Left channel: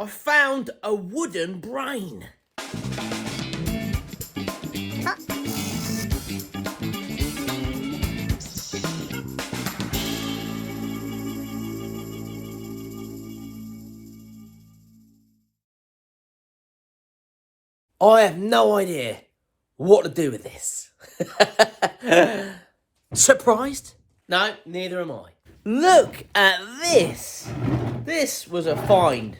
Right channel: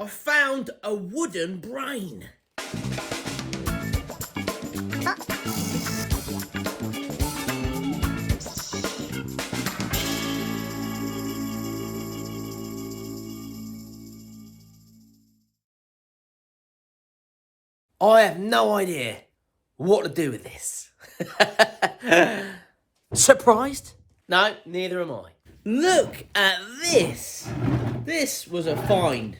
I found a wooden brain. I have no idea what to do with this. Surprised? No, neither am I. Look at this. This was a find.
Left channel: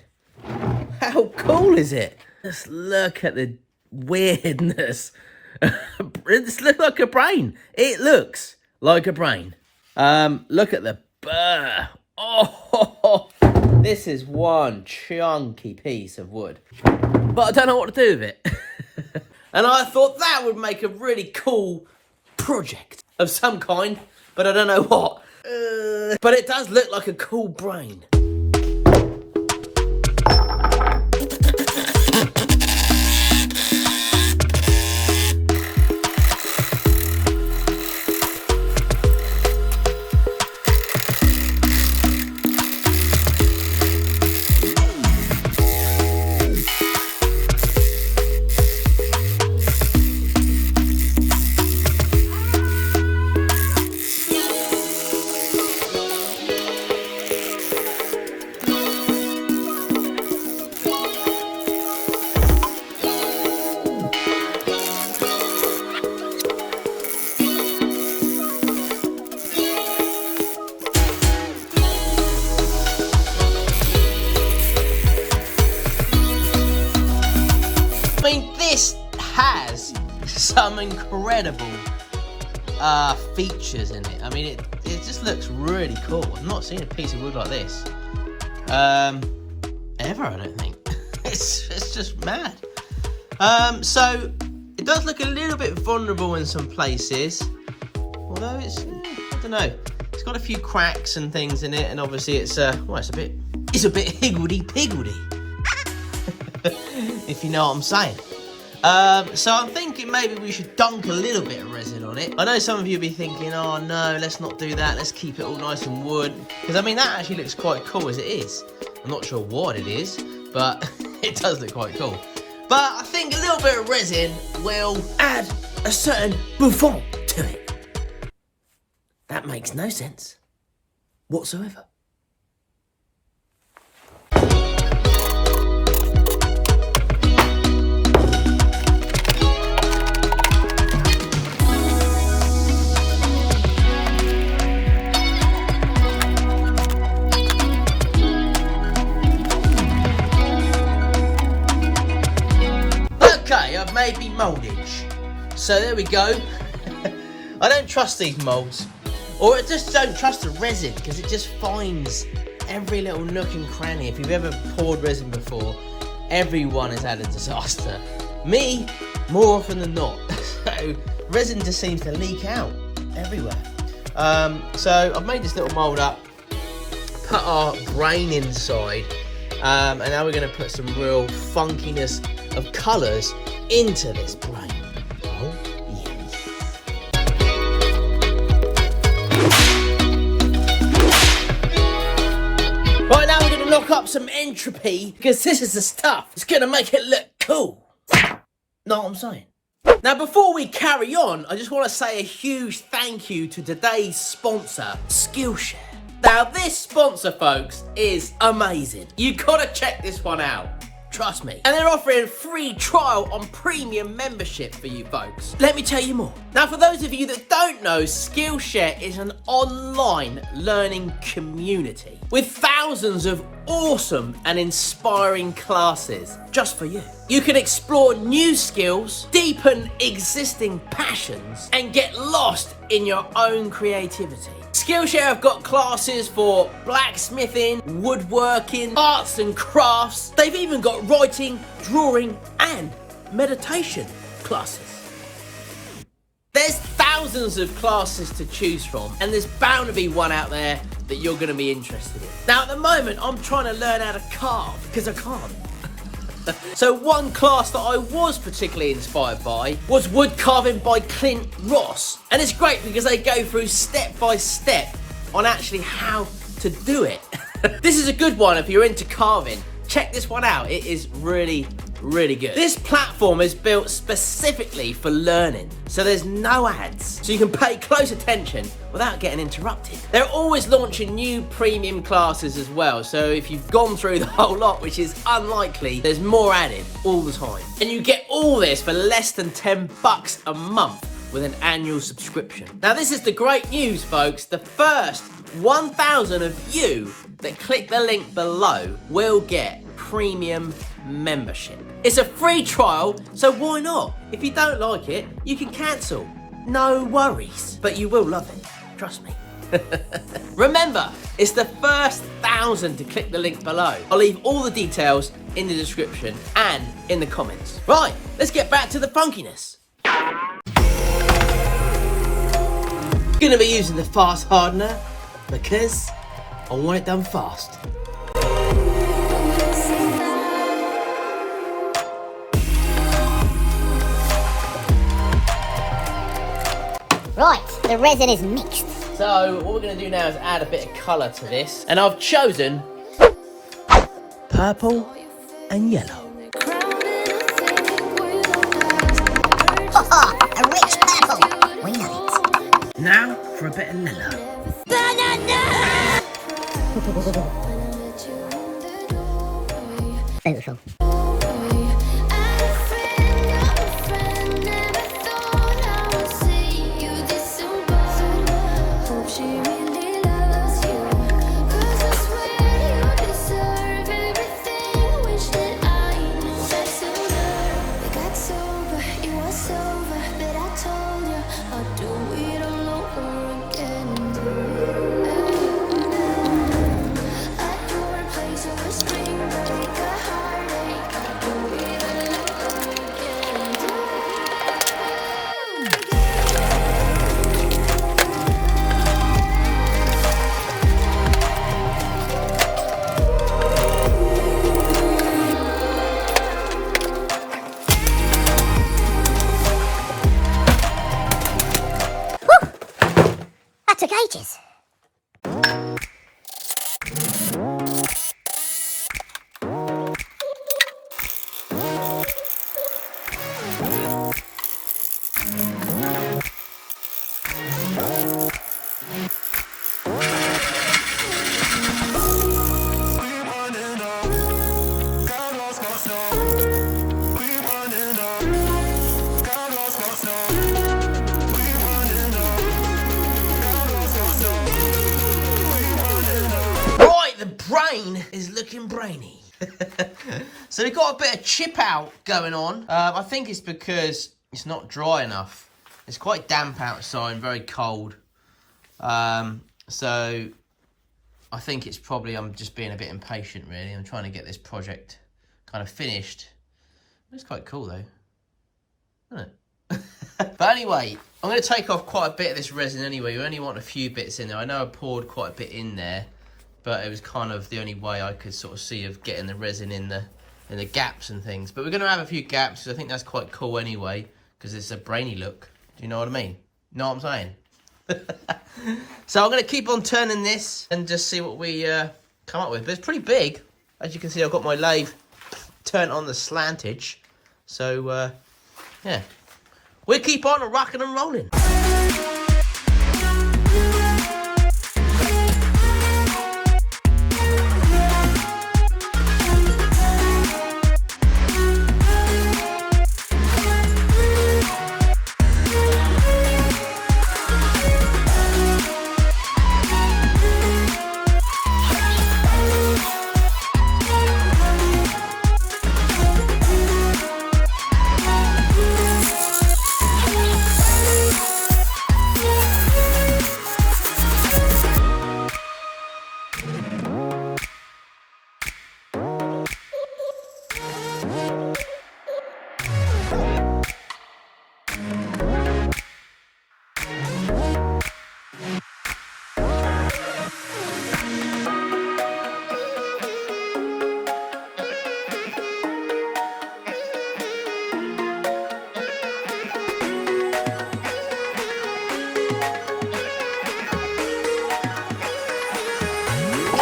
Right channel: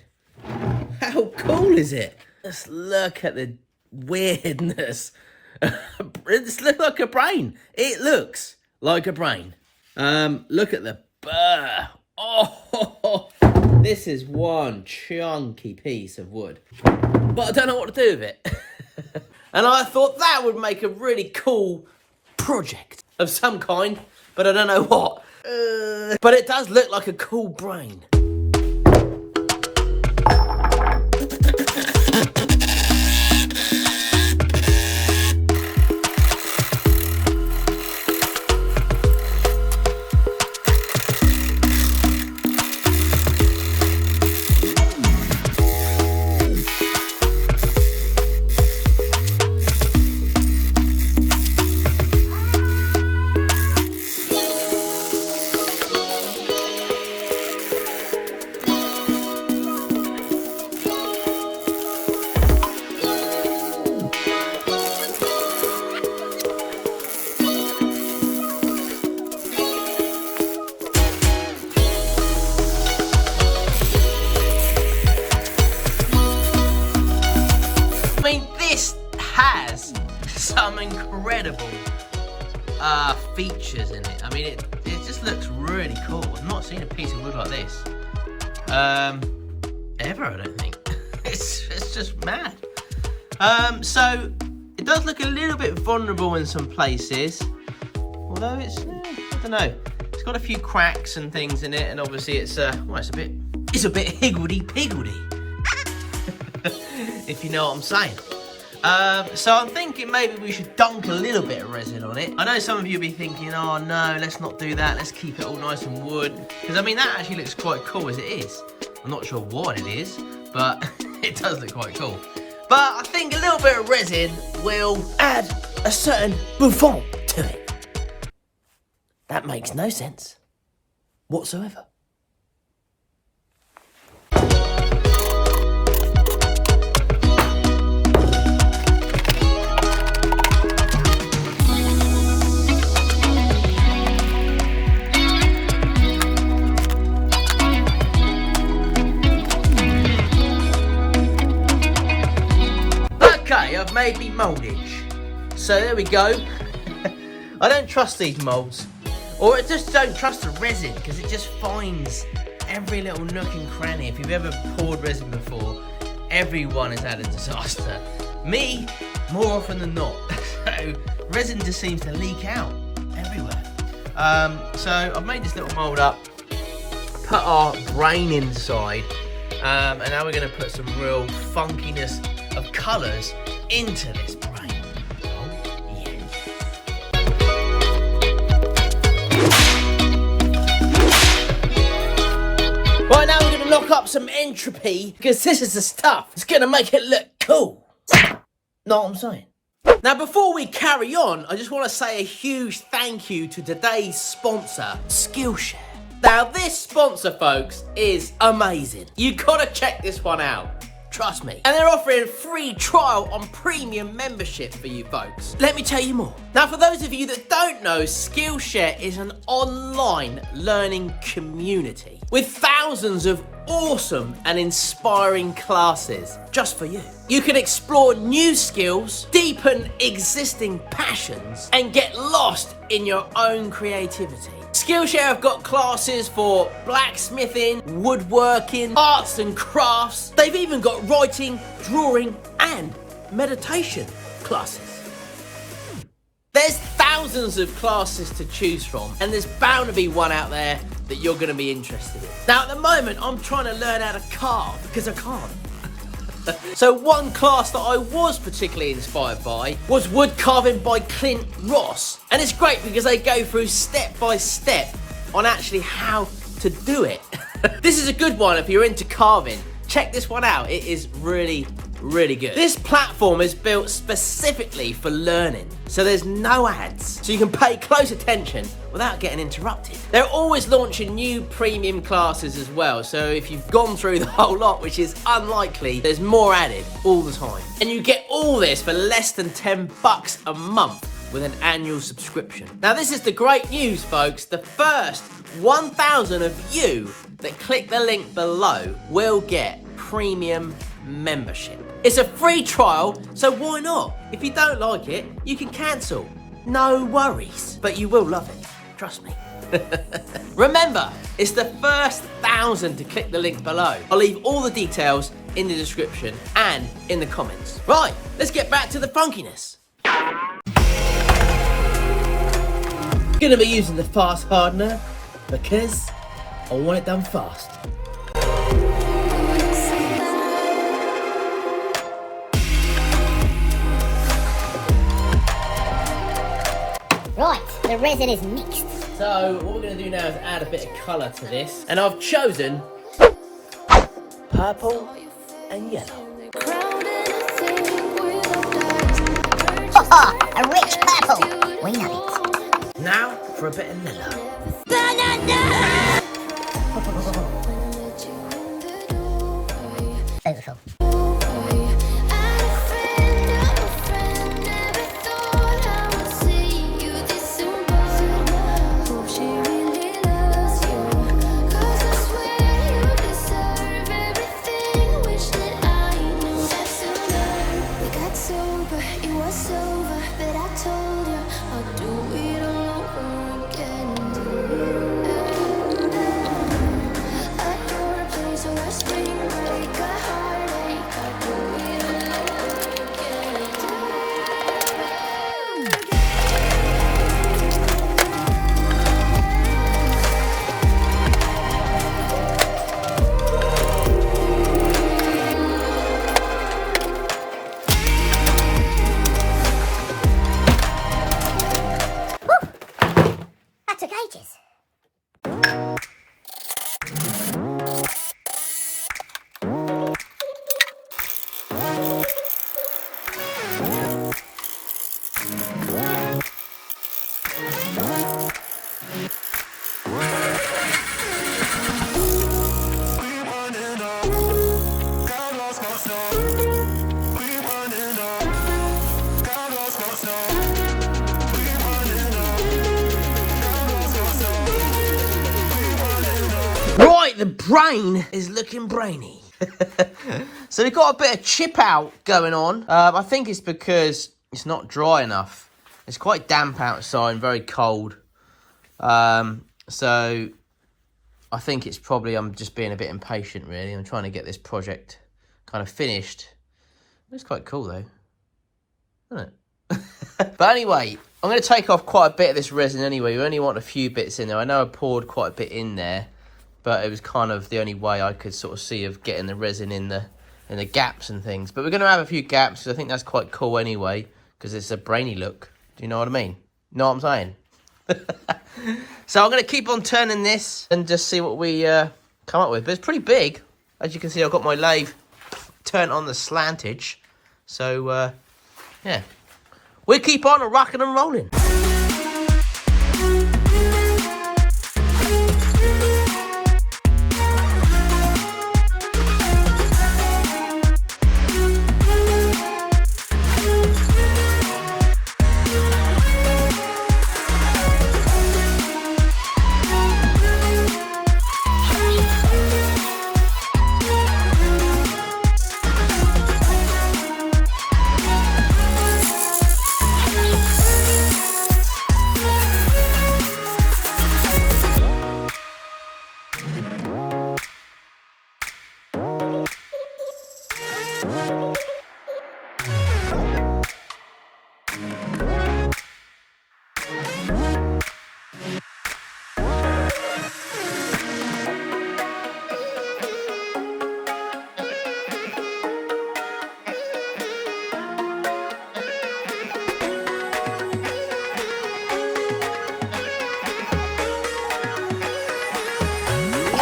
How cool is it? Just look at the weirdness. This looks like a brain. It looks like a brain. Look at the burr. Oh, this is one chunky piece of wood. But I don't know what to do with it. And I thought that would make a really cool project of some kind, but I don't know what. But it does look like a cool brain. Has some incredible features in it. I mean, it just looks really cool. I've not seen a piece of wood like this ever, I don't think. It's just mad. So it does look a little bit vulnerable in some places, although it's I don't know. It's got a few cracks and things in it, and obviously it's well, it's a bit higgledy-piggledy, if you know what I'm saying. So I'm thinking maybe we should dunk a little bit of resin on it. I know some of you will be thinking, oh no, let's not do that. Let's keep it all nice and wood. Because I mean, that actually looks quite cool as it is. I'm not sure what it is, but it does look quite cool. But I think a little bit of resin will add a certain bouffant to it. That makes no sense whatsoever. Okay, I've made me mouldage. So there we go. I don't trust these moulds. Or I just don't trust the resin, because it just finds every little nook and cranny. If you've ever poured resin before, everyone has had a disaster. Me, more often than not. So resin just seems to leak out everywhere. So I've made this little mould up, put our brain inside, and now we're going to put some real funkiness of colours into this brain. Oh, yes. Right, now we're going to lock up some entropy, because this is the stuff. It's going to make it look cool. Know what I'm saying? Now, before we carry on, I just want to say a huge thank you to today's sponsor, Skillshare. Now, this sponsor, folks, is amazing. You've got to check this one out. Trust me. And they're offering a free trial on premium membership for you folks. Let me tell you more. Now, for those of you that don't know, Skillshare is an online learning community with thousands of awesome and inspiring classes just for you. You can explore new skills, deepen existing passions, and get lost in your own creativity. Skillshare have got classes for blacksmithing, woodworking, arts and crafts. They've even got writing, drawing, and meditation classes. There's thousands of classes to choose from, and there's bound to be one out there that you're going to be interested in. Now, at the moment, I'm trying to learn how to carve because I can't. So one class that I was particularly inspired by was wood carving by Clint Ross. And it's great because they go through step by step on actually how to do it. This is a good one if you're into carving, check this one out. It is really, really good. This platform is built specifically for learning, so there's no ads, so you can pay close attention without getting interrupted. They're always launching new premium classes as well, so if you've gone through the whole lot, which is unlikely, there's more added all the time. And you get all this for less than $10 a month with an annual subscription. Now this is the great news, folks. The first 1,000 of you that click the link below will get premium membership. It's a free trial, so why not? If you don't like it, you can cancel. No worries, but you will love it, trust me. Remember, it's the first 1,000 to click the link below. I'll leave all the details in the description and in the comments. Right, let's get back to the funkiness. Gonna be using the fast hardener because I want it done fast. Right, the resin is mixed. So what we're gonna do now is add a bit of colour to this, and I've chosen purple and yellow. A rich purple. We know it. Now for a bit of yellow. Banana! Beautiful. Took ages. The brain is looking brainy. So we've got a bit of chip out going on. I think it's because it's not dry enough. It's quite damp outside and very cold. So I think it's probably I'm just being a bit impatient really. I'm trying to get this project kind of finished. It's quite cool though, isn't it? But anyway, I'm going to take off quite a bit of this resin anyway. You only want a few bits in there. I know I poured quite a bit in there, but it was kind of the only way I could sort of see of getting the resin in the gaps and things. But we're going to have a few gaps, because I think that's quite cool anyway, because it's a brainy look. Do you know what I mean? Know what I'm saying? So I'm going to keep on turning this and just see what we come up with. But it's pretty big. As you can see, I've got my lathe turned on the slantage. So, yeah. We'll keep on rocking and rolling.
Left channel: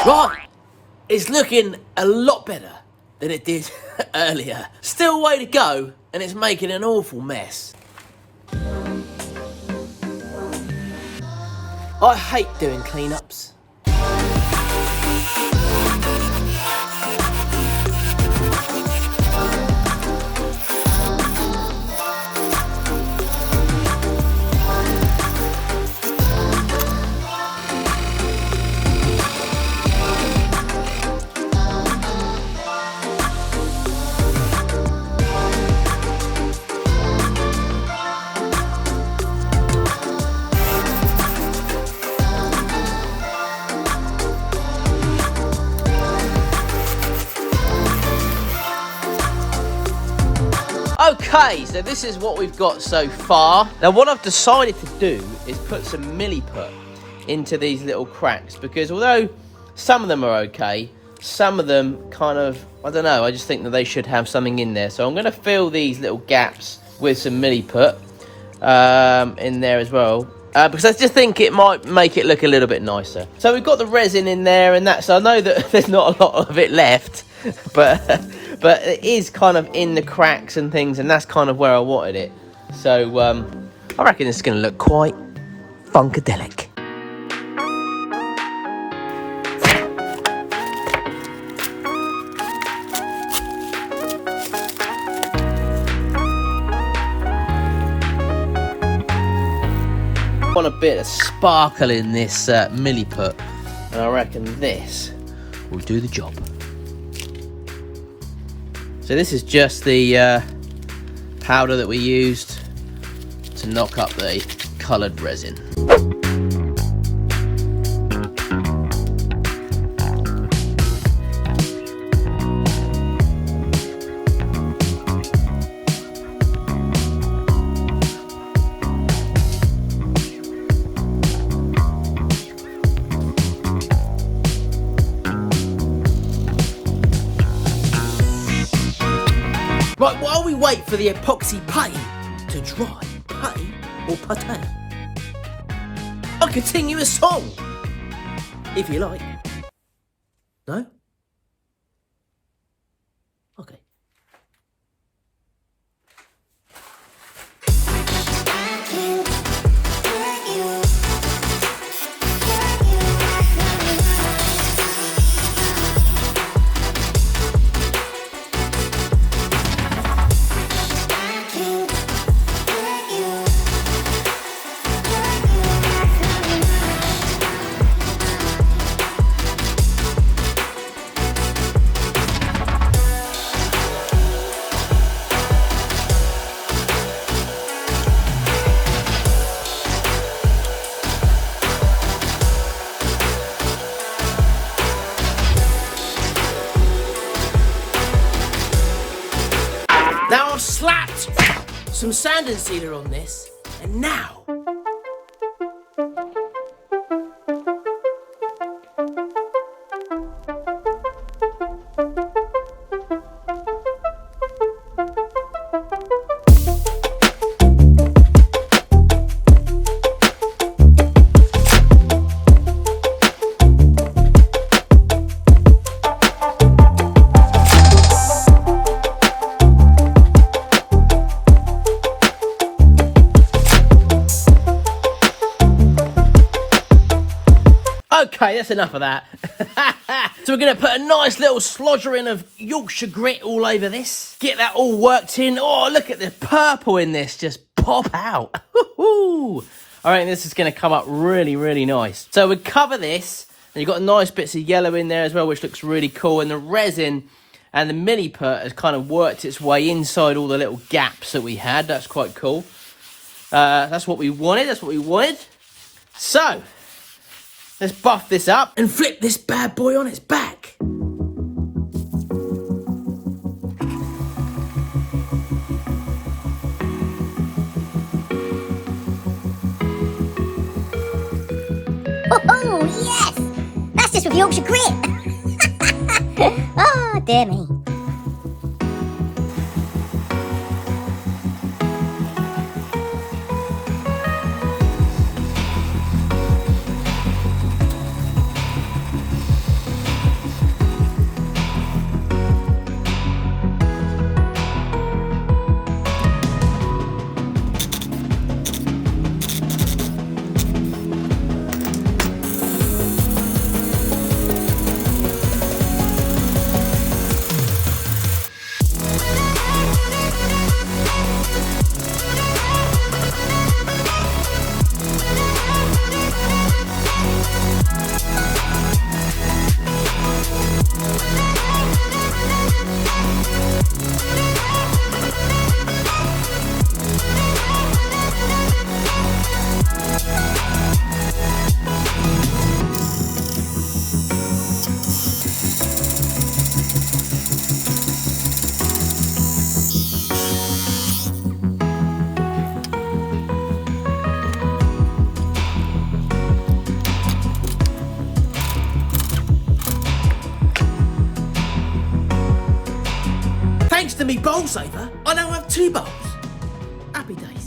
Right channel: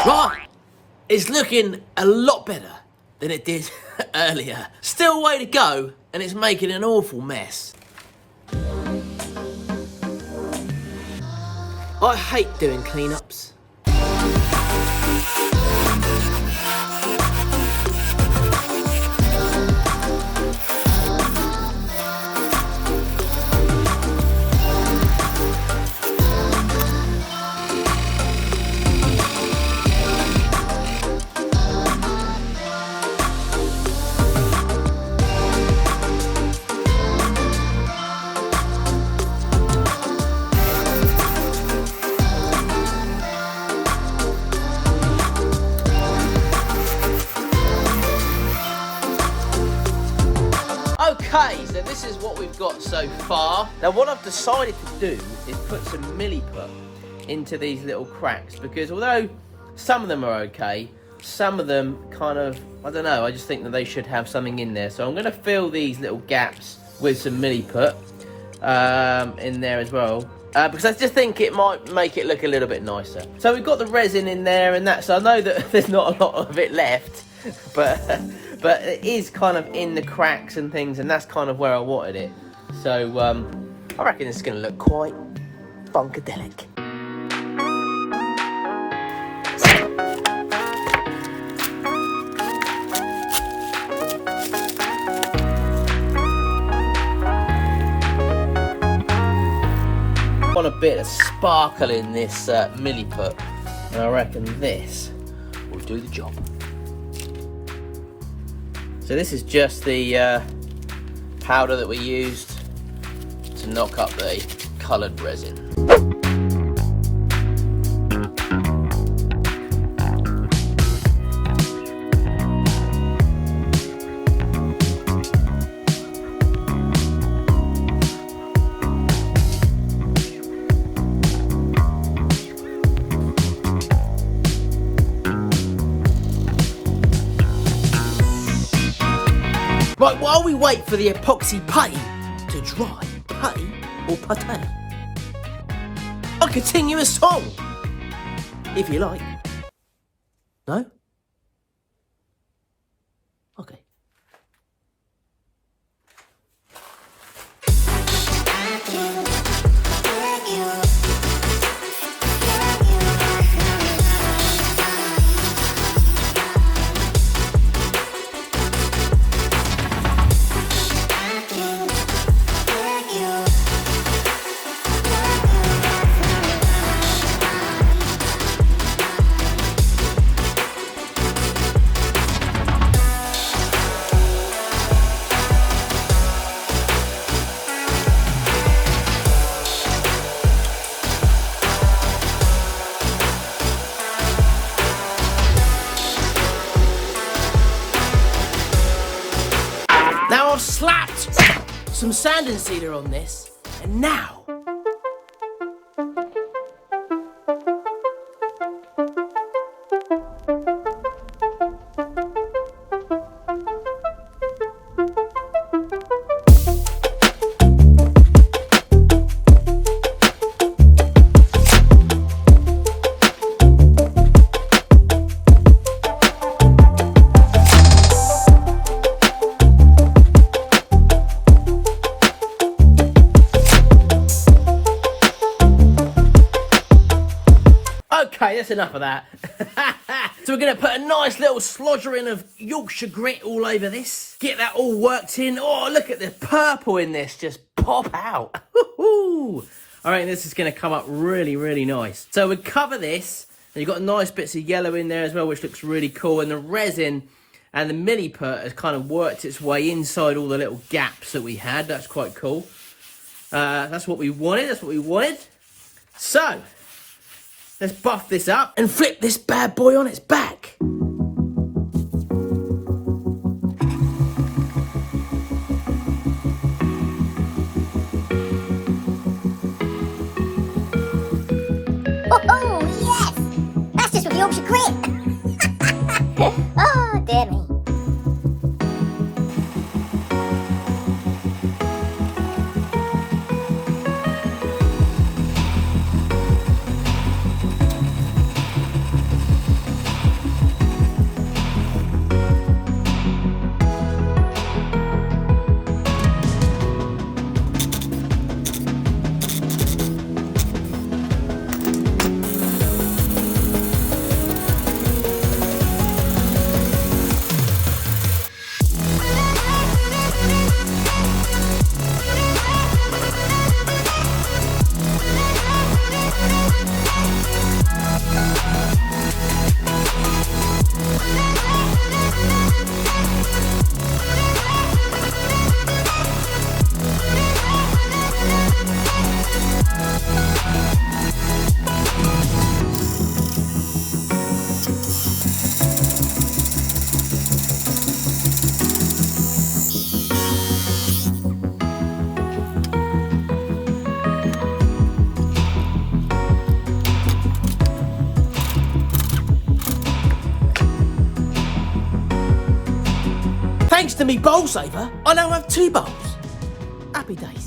Right, it's looking a lot better. than it did earlier. Still a way to go, and it's making an awful mess. I hate doing cleanups. Okay, so this is what we've got so far. Now what I've decided to do is put some milliput into these little cracks, because although some of them are okay, some of them kind of, I don't know, I just think that they should have something in there. So I'm going to fill these little gaps with some milliput in there as well. Because I just think it might make it look a little bit nicer. So we've got the resin in there, and that's, I know that there's not a lot of it left, but it is kind of in the cracks and things, and that's kind of where I wanted it. So I reckon it's going to look quite funkadelic. Want a bit of sparkle in this milliput, and I reckon this will do the job. So this is just the powder that we used to knock up the coloured resin. Right, while we wait for the epoxy putty to dry, putty or putty, I'll continue a song, if you like. No? Okay. Now I've slapped some sand and sealer on this, and now okay, that's enough of that. So we're going to put a nice little slodgering of Yorkshire grit all over this. Get that all worked in. Oh, look at the purple in this. Just pop out. I reckon this is going to come up really, really nice. So we cover this. And you've got nice bits of yellow in there as well, which looks really cool. And the resin and the milliput has kind of worked its way inside all the little gaps that we had. That's quite cool. That's what we wanted. That's what we wanted. So let's buff this up and flip this bad boy on its back. Oh, yes! That's just with Yorkshire grit. Oh, dear me. Thanks to me bowl saver, I now have 2 bowls. Happy days.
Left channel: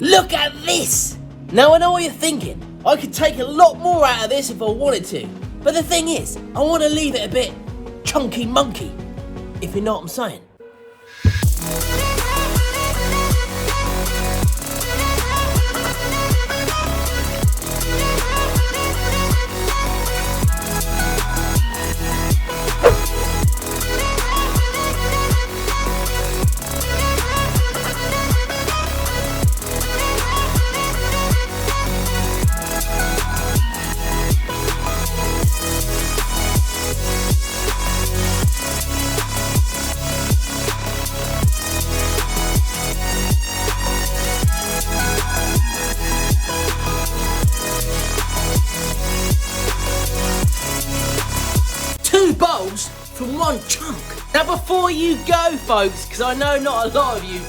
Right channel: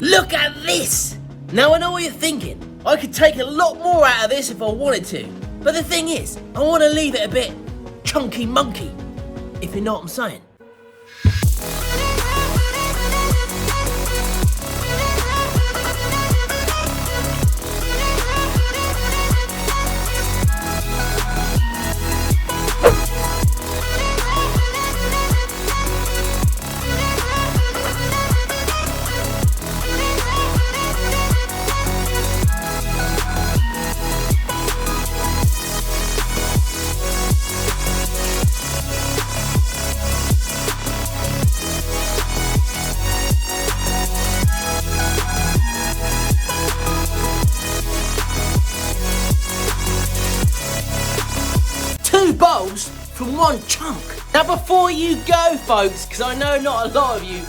Look at this! Now I know what you're thinking. I could take a lot more out of this if I wanted to. But the thing is, I want to leave it a bit chunky monkey, if you know what I'm saying. Bowls from one chunk. Now before you go folks, because I know not a lot of you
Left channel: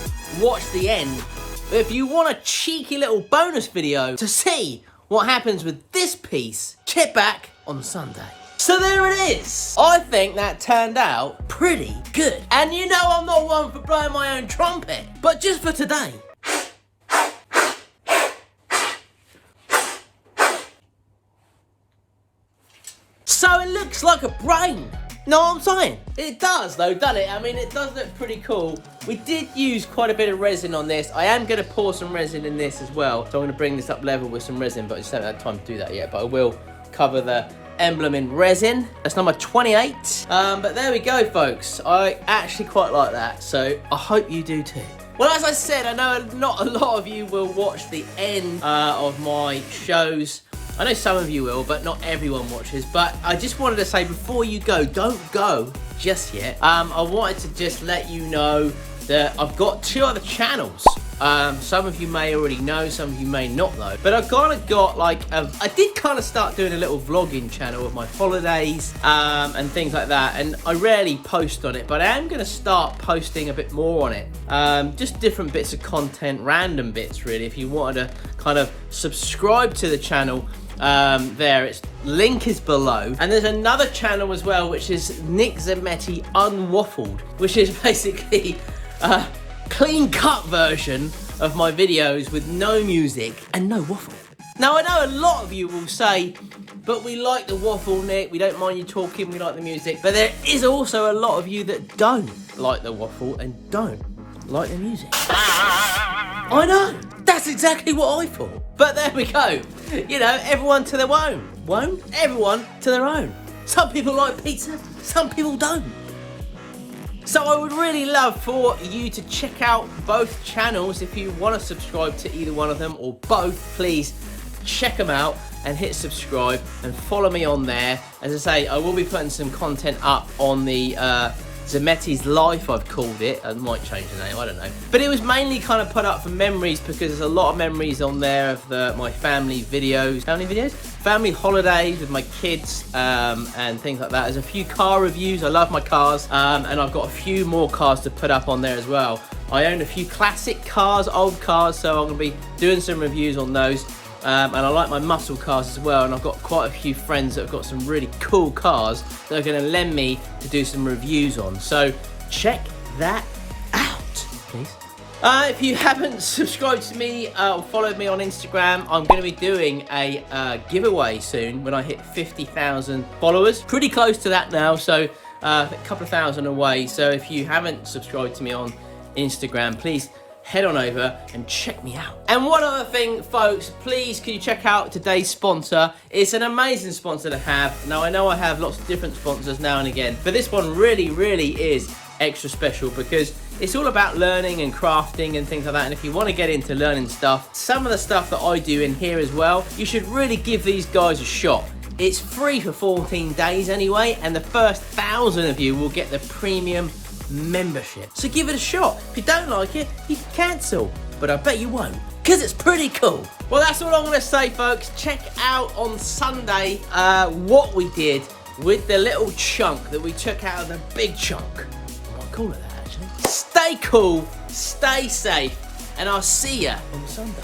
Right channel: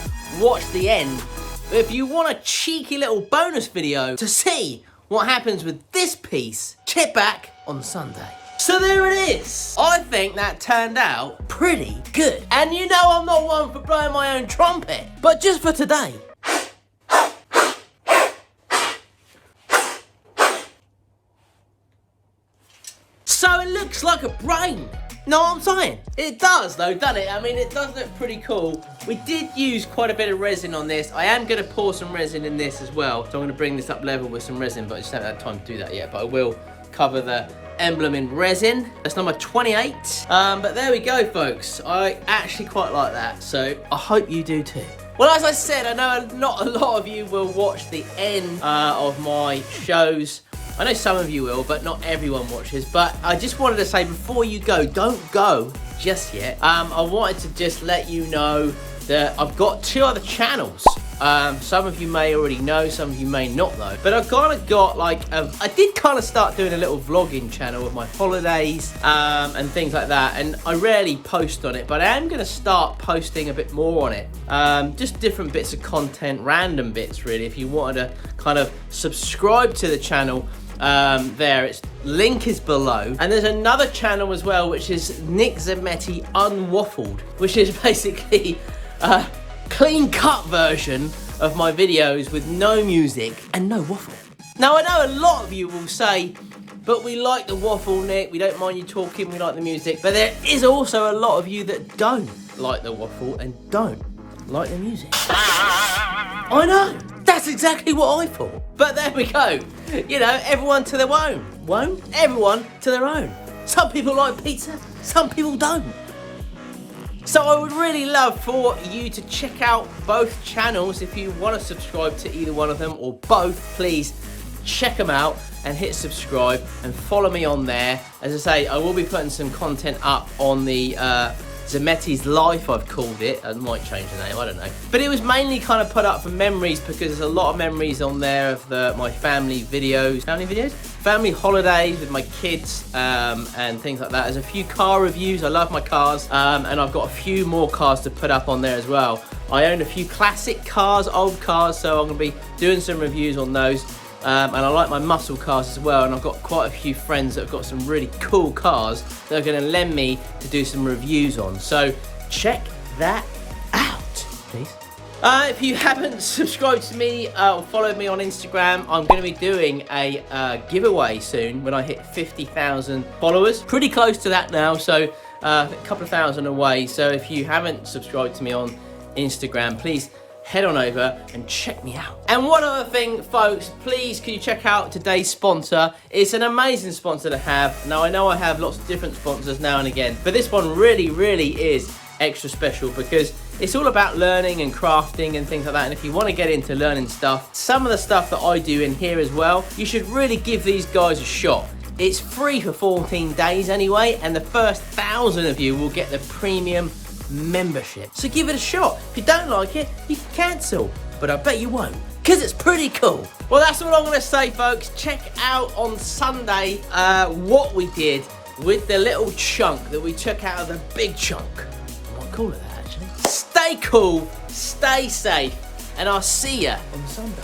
watch the end, but if you want a cheeky little bonus video to see what happens with this piece, check back on Sunday. So there it is. I think that turned out pretty good. And you know I'm not one for blowing my own trumpet, but just for today. So it looks like a brain. Know what I'm saying? It does though, doesn't it? I mean, it does look pretty cool. We did use quite a bit of resin on this. I am going to pour some resin in this as well. So I'm going to bring this up level with some resin, but I just haven't had time to do that yet. But I will cover the emblem in resin. That's number 28. But there we go, folks. I actually quite like that. So I hope you do too. Well, as I said, I know not a lot of you will watch the end of my shows. I know some of you will, but not everyone watches. But I just wanted to say before you go, don't go just yet. I wanted to just let you know that I've got 2 other channels. Some of you may already know, some of you may not know. But I've kind of got like, I did kind of start doing a little vlogging channel of my holidays and things like that. And I rarely post on it, but I am going to start posting a bit more on it. Just different bits of content, random bits really. If you wanted to kind of subscribe to the channel, there, its link is below. And there's another channel as well, which is Nick Zammeti Unwaffled, which is basically a clean cut version of my videos with no music and no waffle. Now I know a lot of you will say, but we like the waffle, Nick, we don't mind you talking, we like the music. But there is also a lot of you that don't like the waffle and don't like the music. I know, that's exactly what I thought. But there we go. You know, everyone to their own. Won't? Everyone to their own. Some people like pizza, some people don't. So I would really love for you to check out both channels. If you want to subscribe to either one of them or both, please check them out and hit subscribe and follow me on there. As I say, I will be putting some content up on the Zammeti's Life, I've called it. I might change the name, I don't know. But it was mainly kind of put up for memories because there's a lot of memories on there of my family videos. Family videos? Family holidays with my kids and things like that. There's a few car reviews. I love my cars. And I've got a few more cars to put up on there as well. I own a few classic cars, old cars, so I'm going to be doing some reviews on those. And I like my muscle cars as well, and I've got quite a few friends that have got some really cool cars that are going to lend me to do some reviews on. So check that out, please. If you haven't subscribed to me or followed me on Instagram, I'm going to be doing a giveaway soon when I hit 50,000 followers. Pretty close to that now, so a couple of thousand away. So if you haven't subscribed to me on Instagram, please head on over and check me out. And one other thing, folks, please can you check out today's sponsor. It's an amazing sponsor to have. Now, I know I have lots of different sponsors now and again, but this one really, really is extra special because it's all about learning and crafting and things like that. And if you want to get into learning stuff, some of the stuff that I do in here as well, you should really give these guys a shot. It's free for 14 days anyway, and the first 1,000 of you will get the premium membership. So give it a shot. If you don't like it, you can cancel, but I bet you won't, because it's pretty cool. Well, that's all I'm going to say, folks. Check out on Sunday what we did with the little chunk that we took out of the big chunk. I might call it that, actually. Stay cool, stay safe, and I'll see you on Sunday.